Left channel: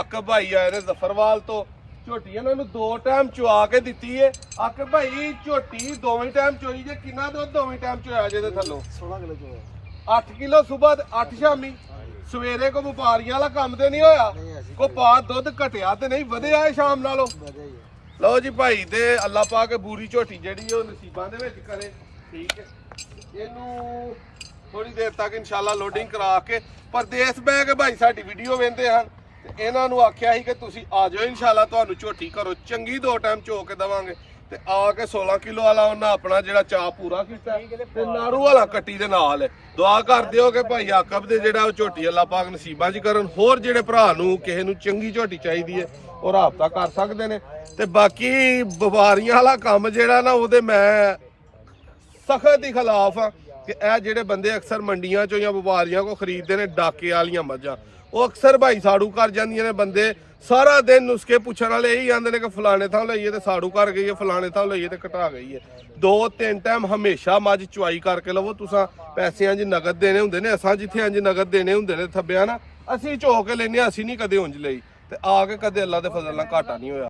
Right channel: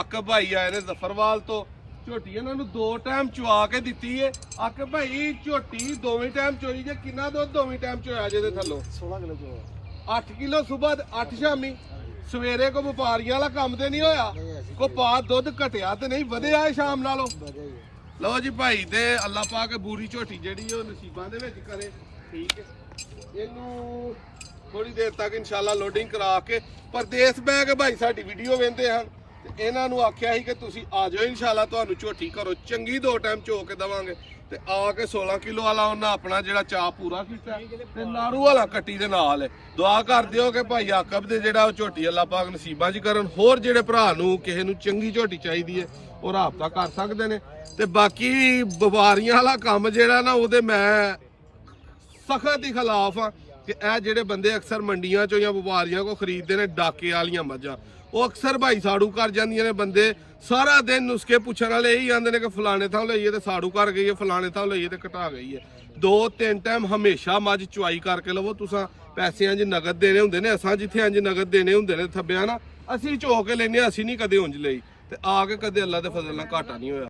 ਆਕਬ ਭਾਈ ਆਏ ਨੇ ਜ਼ਫਰਵਾਲ ਤੋਂ। ਝੋਟੀ ਇਹਨਾਂ ਨੂੰ 2 ਟਾਈਮ ਚੁਆ ਕੇ ਦਿੱਤੀ ਏ। ਆਕਬ ਭਾਈ ਝੋਟੀ ਦੋਵੇਂ ਟਾਈਮ ਚੋਈ ਜੇ, ਕਿੰਨਾ ਦੁੱਧ ਦੋਵੇਂ ਟਾਈਮ ਚੋਇਆ ਜੇ ਦੇ ਥੱਲੋਂ? 16 ਕਿਲੋ ਚੋਇਆ। 8 ਕਿਲੋ ਸਵੇਰ 8 ਸ਼ਾਮੀ। ਸਵੇਰੇ ਕੋ ਵਪਾਰੀਆਂ ਵਾਲਾ ਕੰਮ ਤੇ ਨਹੀਂ ਹੋਇਆ, ਕੋ ਪਾ ਦੁੱਧ ਘਟਿਆ ਤੇ ਨਹੀਂ ਵਧਿਆ ਏ ਸ਼ਾਮ ਨਾਲੋਂ। ਲਓ ਜੀ ਭਾਈ ਦੇ ਅੱਲਾ ਪਾ ਕੇ ਬੂਰੀ ਝੋਟੀ ਜਿਹੜੀ ਉਹ ਨਸੀਬਾਂ ਦੇ ਵਿੱਚ ਕਰੇ। ਠੀਕ ਹੈ, ਇਹਨੂੰ ਥੋੜੀ ਦੇਰ ਤੱਕ ਇਨਸ਼ਾਅੱਲਾ ਲੋਡਿੰਗ ਕਰਾ ਕੇ ਪਰਦੇਸ ਬੈ ਕੇ ਭਾਈ ਸਾਡੀ ਵੀਡੀਓ ਵੇਖਦੇ ਹਨ। ਇਹਨਾਂ ਨੂੰ ਆਖਿਆ ਸੀ ਕਿ ਤੁਸੀਂ ਆ ਜਾਓ, ਇਨਸ਼ਾਅੱਲਾ ਤੁਹਾਨੂੰ ਝੋਟੀ ਘਰੋਂ ਚੰਗੀ 2 ਟਾਈਮ ਚੋ ਕੇ ਦੇਵਾਂਗੇ। ਤੇ ਆ ਕੇ 16 ਕਿਲੋ ਵਾਲਾ ਉਹਨਾਂ ਆਪਣਾ ਜਿਹੜਾ ਚਾਹ ਪੂਰਾ ਕੀਤਾ ਤੇ ਨਾਰੂ ਵਾਲਾ ਕੱਟੀ ਦੇ ਨਾਲ। ਦੁਆ ਕਰ ਦਿਓ ਕਿ ਭਾਈ ਆਕਬ ਦੇ ਜਿਹੜਾ ਉਹ ਝੋਟੀ ਅੱਲਾ ਪਾਕ ਨਸੀਬਾਂ 'ਚ ਕਰਨ। ਹੋਰ ਜਿਹੜੇ ਭਰਾ ਨੂੰ ਕਿਸੇ ਨੂੰ ਚੰਗੀ ਝੋਟੀ ਚਾਹੀਦੀ ਹੈ ਉਹ ਰਾਬਤਾ ਕਰ ਸਕਦੇ ਨੇ। ਤੇ ਬਾਕੀ ਵਪਾਰੀਆਂ ਵਾਲਾ ਕੰਮ ਜਿਹੜਾ ਨਾ ਉਹਦੇ ਮੈਂ ਸਖਤ ਹੀ ਖਿਲਾਫ ਆ ਕਿ ਇਹ ਜਿਹੜੇ ਬੰਦੇ ਅਕਸਰ ਮੰਡੀਆਂ 'ਚੋਂ ਜਾਂ ਵਪਾਰੀਆਂ ਕੋ ਖਰੀਦਦੇ ਨੇ ਡਾਕੇ ਵਾਲੀਆਂ ਮੱਝਾਂ, ਉਹ ਅਕਸਰ ਭਾਈ ਸਾੜੂ ਕਰ ਜਾਂਦੀਆਂ ਨੇ। ਬੰਦੇ ਸਾਰਾ ਦਿਨ ਨੁਸਖੇ ਪੁੱਛਣ ਵਾਲੇ ਇਹੀ ਆਂਦੇ ਨੇ ਕਿ ਫਲਾਣੇ ਥਾਂ ਲਈਏ ਤੇ ਸਾੜੂ ਕਰ ਗਈ ਹੈ, ਫਲਾਣੇ ਥਾਂ ਲਈਏ ਤੇ ਘਟਾ ਗਈ ਹੈ। 2-3 ਟਾਈਮ ਹਮੇਸ਼ਾ ਮੱਝ ਚੁਆਈ ਕਰਕੇ ਲਵੋ। ਤੁਸੀਂ ਪੈਸਿਆਂ 'ਚ ਨਗਦ ਦੇਣੇ ਹੁੰਦੇ ਨੇ, ਅਸਾਂ ਜਿੱਥੇ ਇੰਜ ਨਗਦ ਦੇਣੇ ਹੁੰਦੇ ਨੇ ਥੱਬਿਆ ਨਾ, ਅਸੀਂ ਝੋ ਕੇ ਲੈਨੇ, ਅਸੀਂ ਨਹੀਂ ਕਦੇ ਉਂਝ ਲਈ। ਤੇ ਆ ਕੇ ਕਦੇ ਅੱਲਾ ਦੇ ਫਜ਼ਲ ਨਾਲ ਘਾਟਾ ਨਹੀਂ ਹੋਇਆ।